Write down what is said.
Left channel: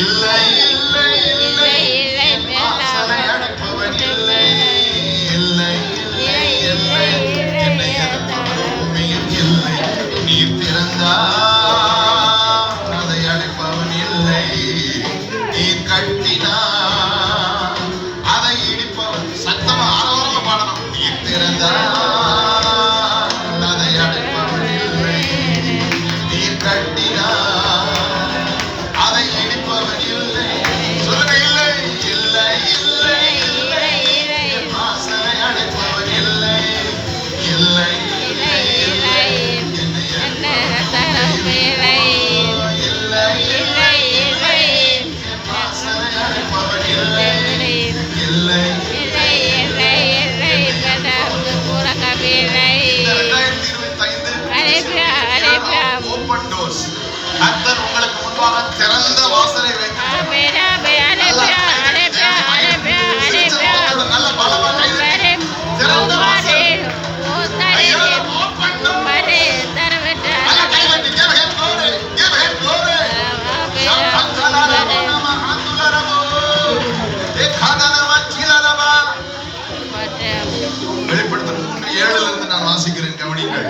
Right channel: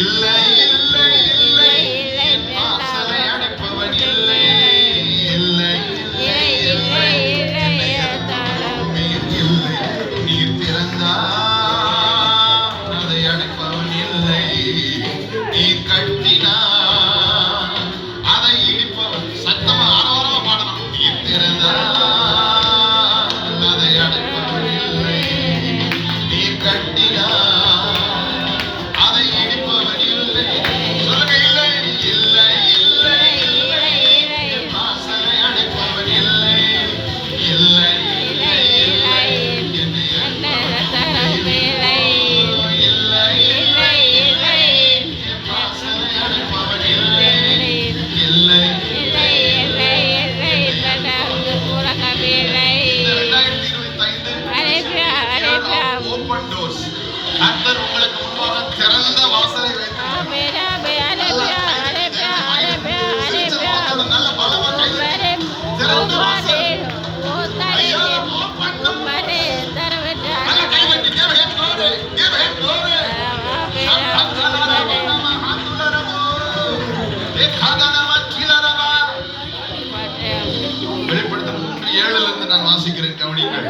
இல்லை இல்லை இல்லை இல்லை வாசலை அடைப்பவன் இல்லை இல்லை இல்லை இல்லை என்னை அடைப்பவன் இல்லை நீர் திறந்தால் அதை அடைப்பவன் இல்லை நீர் கட்டினால் அதை இடிப்பவன் சத்தமா ஆரவாரமா பாடணும் நீர் திறந்தால் அதை அடைப்பவன் இல்லை நீர் கட்டினால் அதை இடிப்பவன் இல்லை சொல்லுங்க இல்லை இல்லை இல்லை இல்லை வாசனை அடைப்பவன் இல்லை இல்லை என்னை தரவு இல்லை வாசனை அடைப்பவன் இல்லை இல்லை ஓப்பன் டோர்ஸ் கர்த்தர் உங்களுக்கு முன்பாக திறந்த வாசலை வைக்கிறார் நல்ல பலமாக திறந்த வாசல் வெளிப்படுத்தல் 3:7 நான் வாசிக்கிறேன் கவனியுங்கள்